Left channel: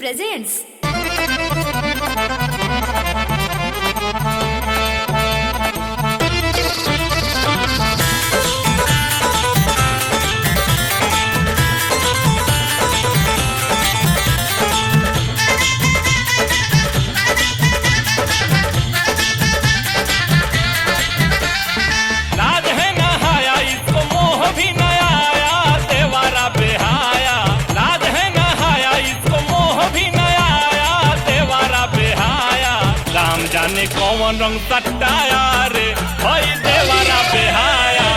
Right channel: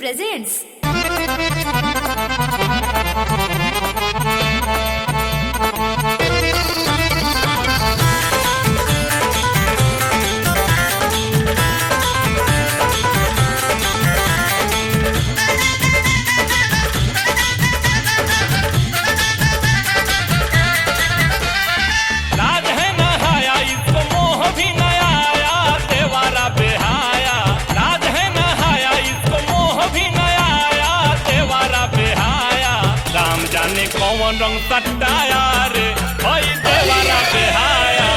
presents. लाज है नहाया इसको मोह भी नया आया देवारा बेहाया। लाज है नहाया इसको मोह भी नया आया देवारा बेहाया। राम जाने कौन रंग सटाया रे हई देवारा बेहाया।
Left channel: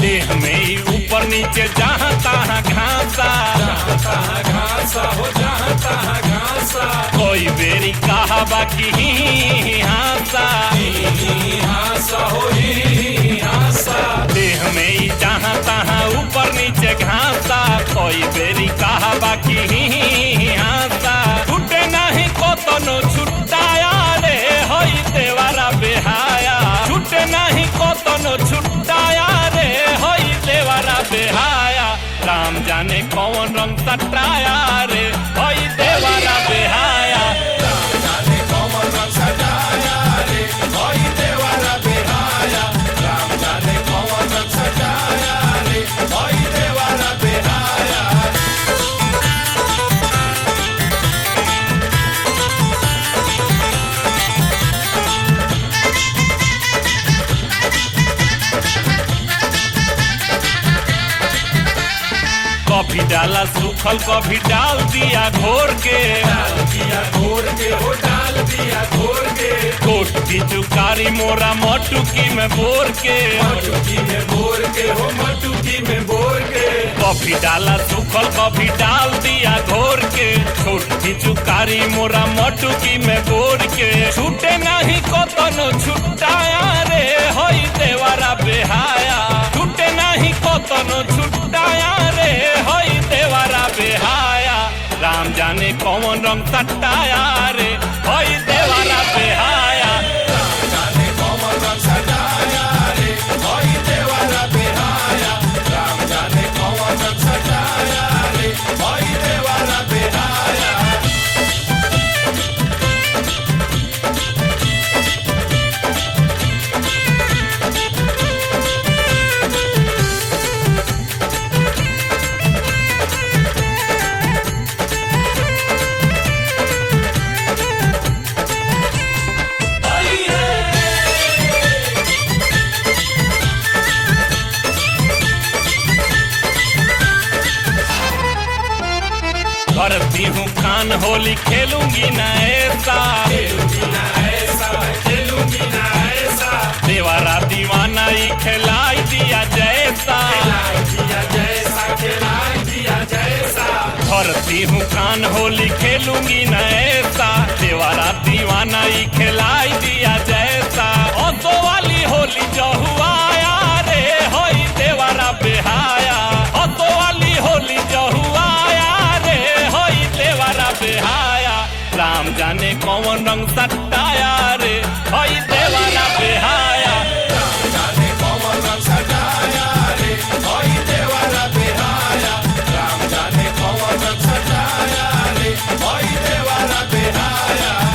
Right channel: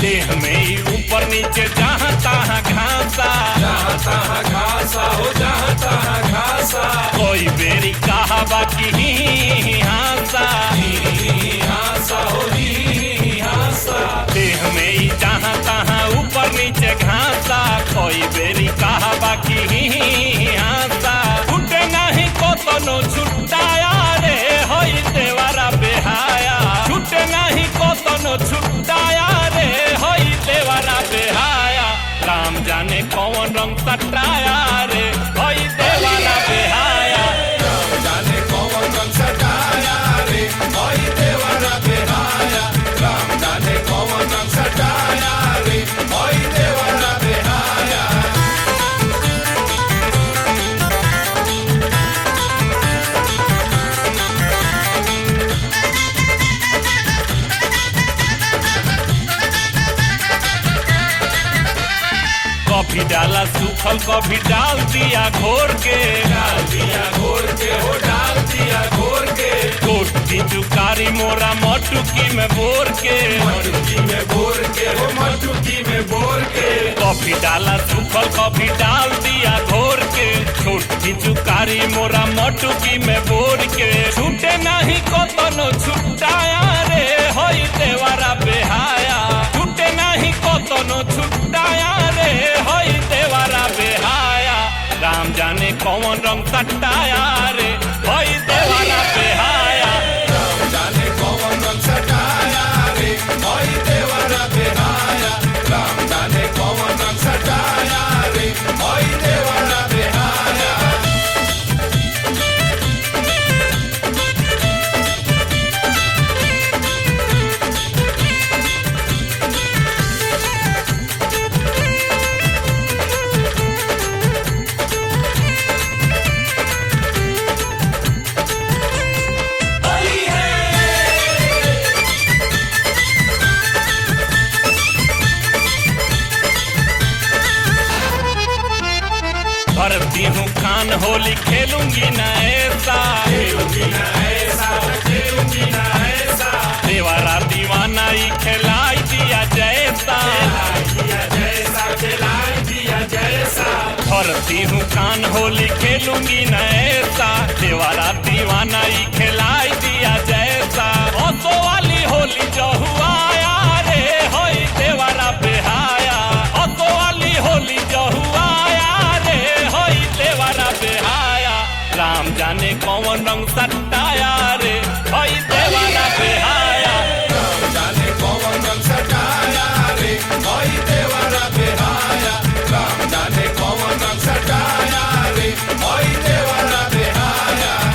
देह में ही ऊपर नीचे जहाँ तहाँ घासा। कोई बेरी कहा बाकी ही हासा। देह में ही जहाँ तहाँ ऊपर नीचे घासा। कोई बेरी कहा बाकी ही हासा। छूटे नहीं को तो नो छुट्टाया रे होई देवारा बेहाया। छूटे नहीं को तो नो छुट्टाया रे होई देवारा बेहाया। राम जाने कौन रंग सटाया रे होई देवारा बेहाया। कभी डाला सूखल कभी डाल दिया घोर के। कोट की चुकारी मोरा मटुकी में बोर के। कभी डाला सूखल कभी डाल दिया घोर के। छोट की चुकारी मोरा मटुकी में बोर के। छूटे नहीं को तो नो छुट्टाया रे होई देवारा बेहाया। छूटे नहीं को तो नो छुट्टाया रे होई देवारा बेहाया। राम जाने कौन रंग सटाया रे होई देवारा बेहाया। भरती हूँ कान होली खेलूंगी न ऐसा। देवारा दीवाना ही खिलाई दिया जैसा। भरती हूँ कान होली खेलूंगी न ऐसा। देवारा दीवाना ही खिलाई दिया जैसा। ओसो वाली होली जो हुआ रे होई देवारा बेहाया। ओसो वाली होली जो हुआ देवारा बेहाया। राम जाने कौन रंग सटाया रे होई देवारा बेहाया।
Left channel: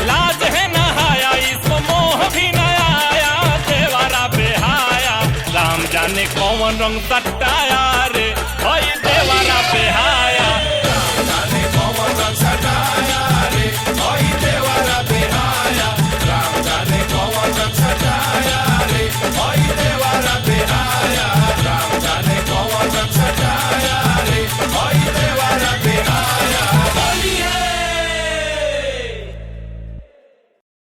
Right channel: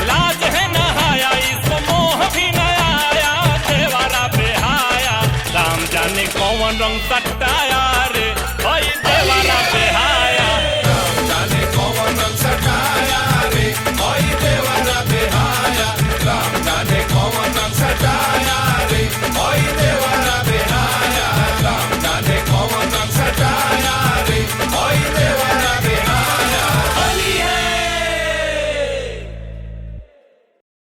लाज है नहाया इसको मोह भी नया आया देवारा बेहाया। राम जाने कौन रंग सटाया रे होई देवारा बेहाया।